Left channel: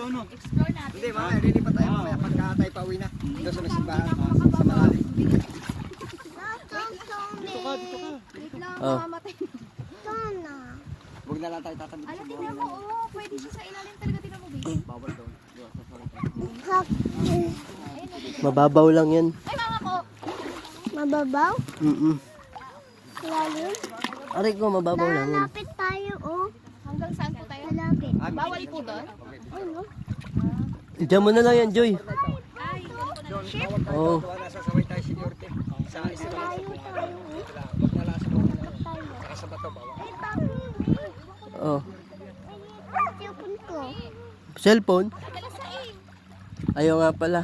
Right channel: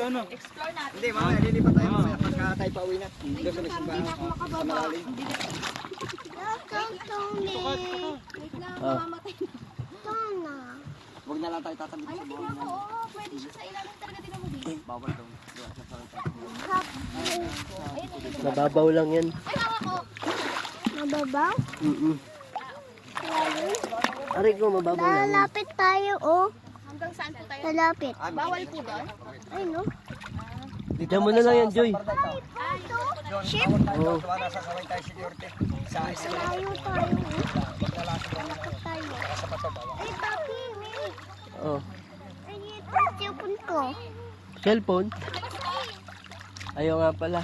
dito, ano? Explore natin. Hindi, mamaya lilipat tayo mamaya pagka tayo pauwi na. Doon sa may simbahan. Wait lang, Oh. mamamatay na. Huwag na lang tayo tatabi Ala, sa tingnan mo, oo, pwede siya sa ilalim talaga, tingnan mo, babe. bawal daw. Doon sa salita. Ayun, ayun. Mababaw lang yan. Ay, mama ko. Mababaw? Aray ko, mababaw lang. Lalapit tayo, oh. Hanggang saan po tayo? Lalapit. Bawal po doon? Ay, no? Diyan mo na lang yan, Joy. Ship? Oo. Gawa na sa kaway tayo security. Sa isa na lang. Huwag na lang sa mga Tayo. saka sa bato bawal. Ay, papi, may. Oh. Ay, ito, cellphone ko. Cellphone? Ayaw nga pala.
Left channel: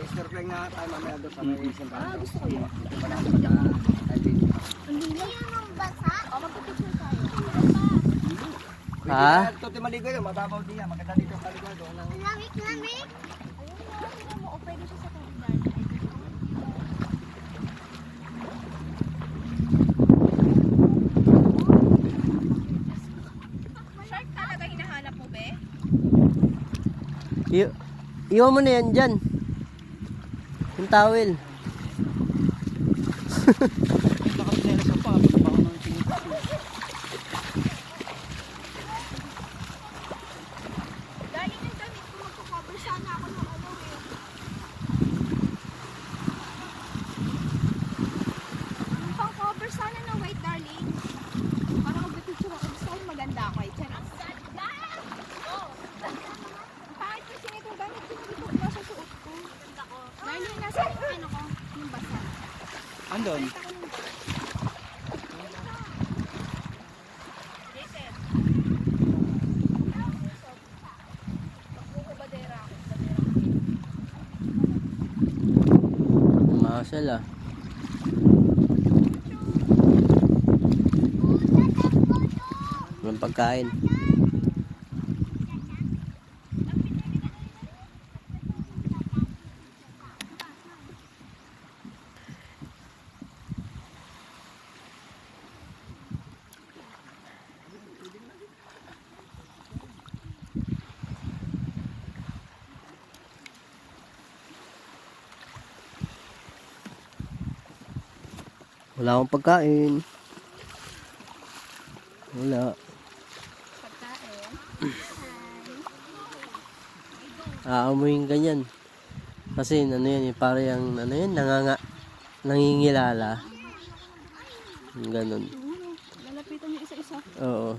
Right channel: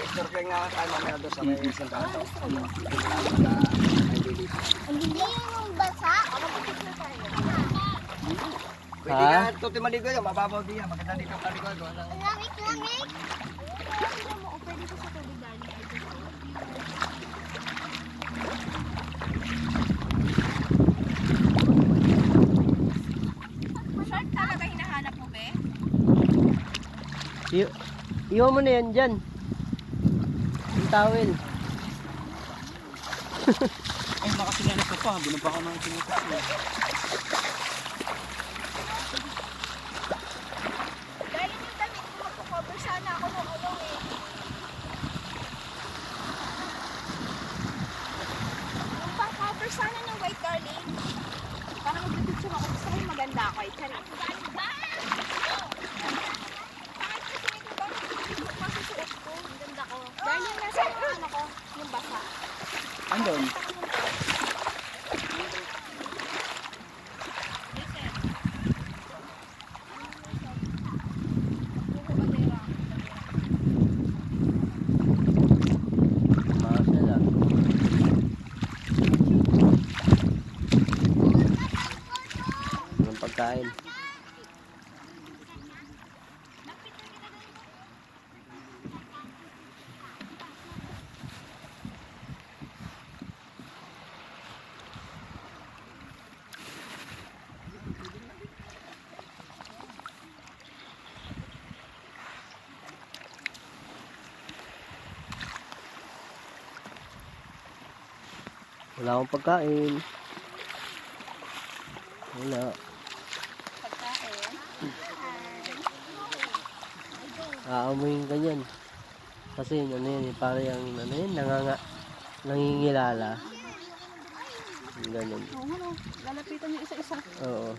I-snorkeling nga tayo mamaya doon sa may simbahan daw. Malapit na ay bili. Ang hindi yung basa. Pwede Ha? na ito maligo yun. Mababaw din yan. Maganda dito ang maligo. Ang langit-langit. Tingnan mo, oh, pwede ko sa tubig dyan. Shark talaga hinahanap mo, be? Iwan mo na yan dyan. Yung towel. Baka sinelas mo pa. Baka nang tinitis mo. Galing yung damit ko, magko-cover sana ako nung ano eh. Yung pa-cover sana ng white, darling. Para mag-picture ako. Gusto ko yung maganda ako eh. Charis. Kahit kasi nitong damit ko, hindi ko masusuot ko. Maganda ko. Darling, nasa yung ano ko, yung basa. Andon. Jason. Buko badera. Makasal ah. Walang pagkain. Wala akong pagkain. Wala. Aamuin ka yan. Kasi ano yan eh, para yung ano yan, nangingilala. Ganun. Oo, ano, lalapitan yung isa-isa. Oo.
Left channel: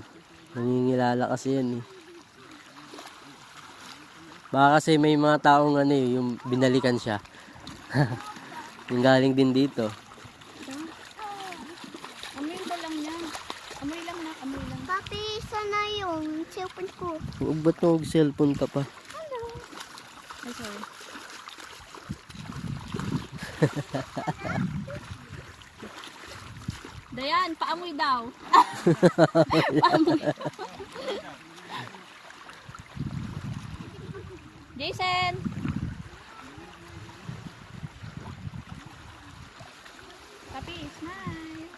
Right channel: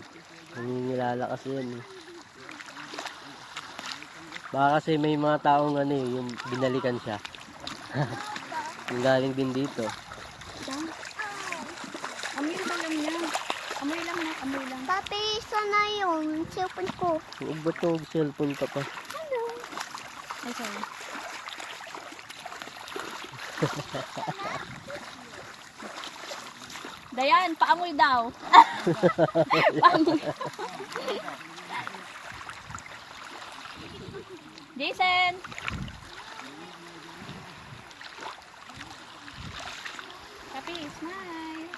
Nangingilala kasi yan eh. Baka kasi may mga taong ano eh, yung binalikan siya. Yung galing din dito. Amoy ba lang yan? Amoy lang na, amoy lang. Papi, sana yung cellphone ko. Ba't nag-cellphone ka pa? Ay, sorry. Dayan, paamoy daw. Paamoy. Jason! Papi, smile.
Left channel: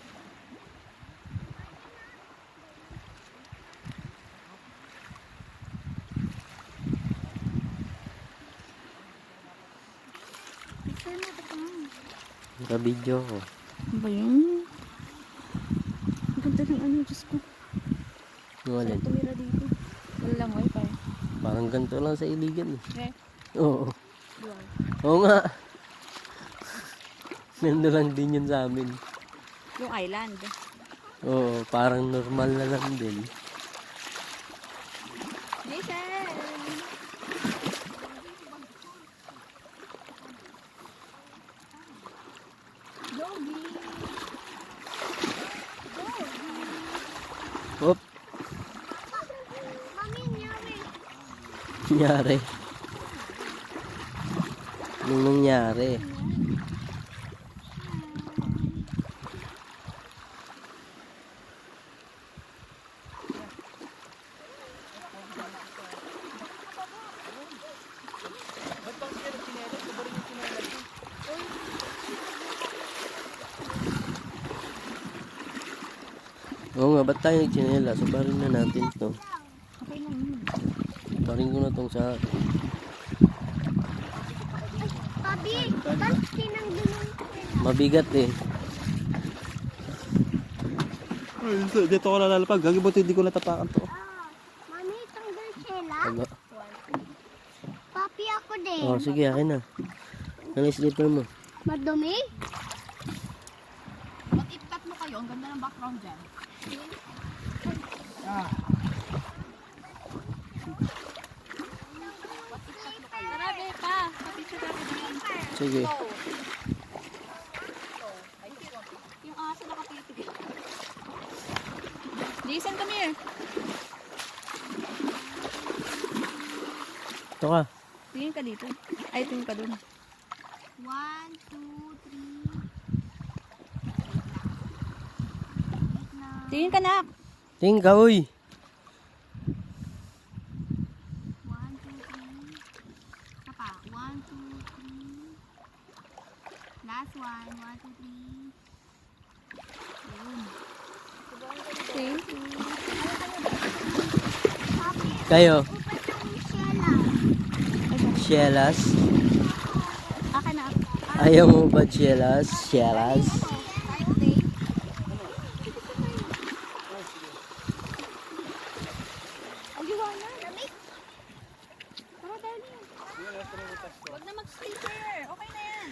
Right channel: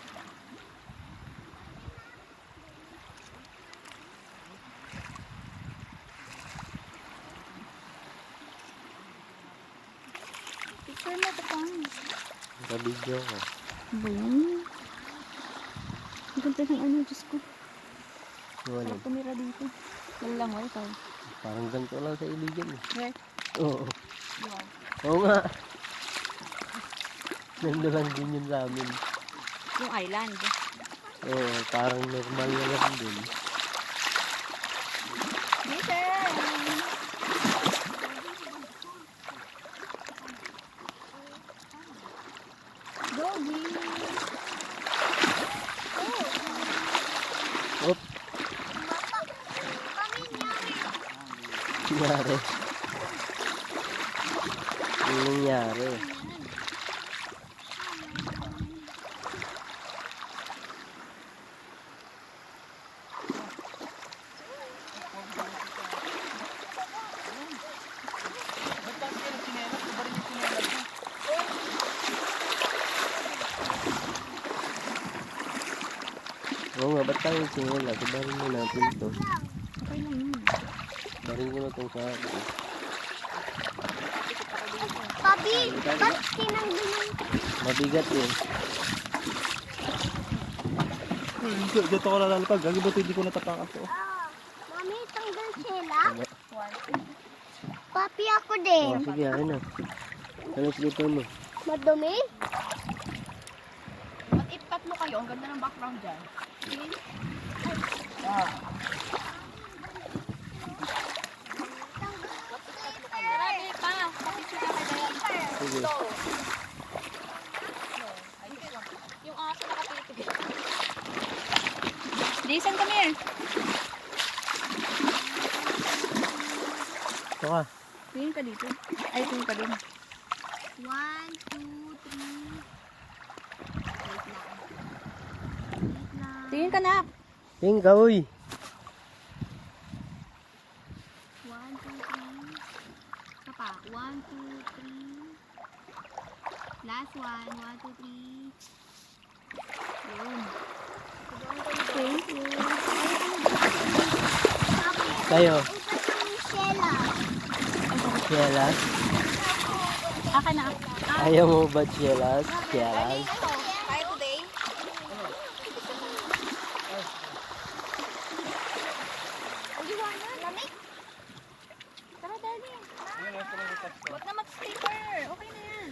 Saan na ito pang? Naka-video ko. Ba yan? Ang ganda ng ano, Diyos ko. Yung alin. Parang tumira dito. Wala lang mo ikaw. Parang ganito lang sa iligan eh. Where? Oo. Wow. Oo nga. Nando lang din yun sa amin. Yung island. Oo, parang normal na lang din. Jason! Gogi! Oop, Mami, nyari. nangyari. Yung nangyari. Oo nga, ba't tayo chinela? Sabarin na natin to. Baring ko na itong sa... Papi, ba't tinanggilan? Mabigat eh. Dito ko nalalapag. Gagabot hindi ko natapakan to. Mami, tanggal sila. Ano? Papi, ako din. Oh, sige, akin na. Ano yung slipper mo? Madumi? Mag-it-cut mo kayo. Ang ganda ng background dyan. Marami pa. Sige. Yung aso nakatulog. Jason, come here. Ito ka. Tingin ka dito. Ay, tingin ka dun. 1, 2, 3. Tingin ka na. Tingin ka, uy. 1, 2, 3. Papa, 1, 2, 3. Last one, 1, 2, 3. Yun. Thank you. Kayo. Upat yung Shella. Shellas. Aka na. Ayaw mo ba shellas? Shellas. Kaya ko, Tay. Ang gawa na. Lamig. Tara, dali. Huwag na mag-sleeper. Okay na yan.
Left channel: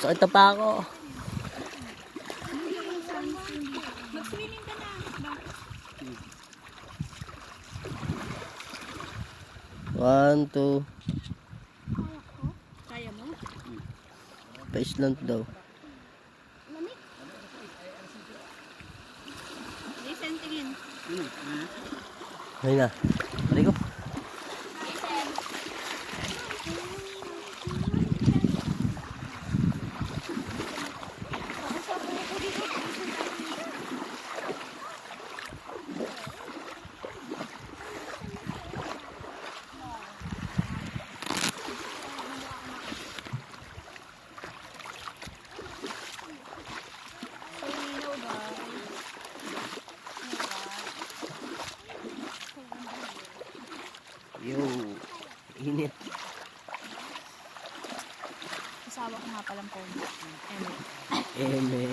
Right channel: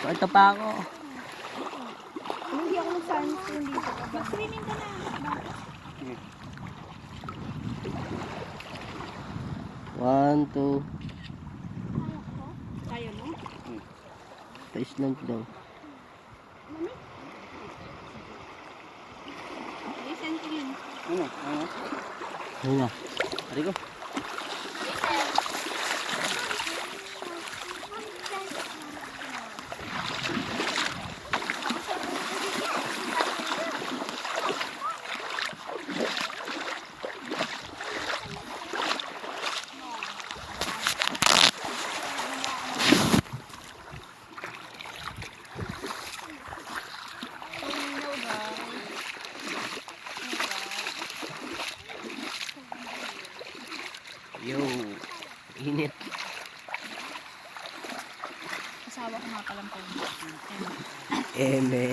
Sakit na pa ako. Hindi ako mag-sunscreen dito. Mag-swimming ka na. One, two. Kaya mo? Pa-islant daw. Jason, tingin. Ano? Ano? Ayun na. Balik ko. Yo. Init. Asawa ko nga palang phone. Eme.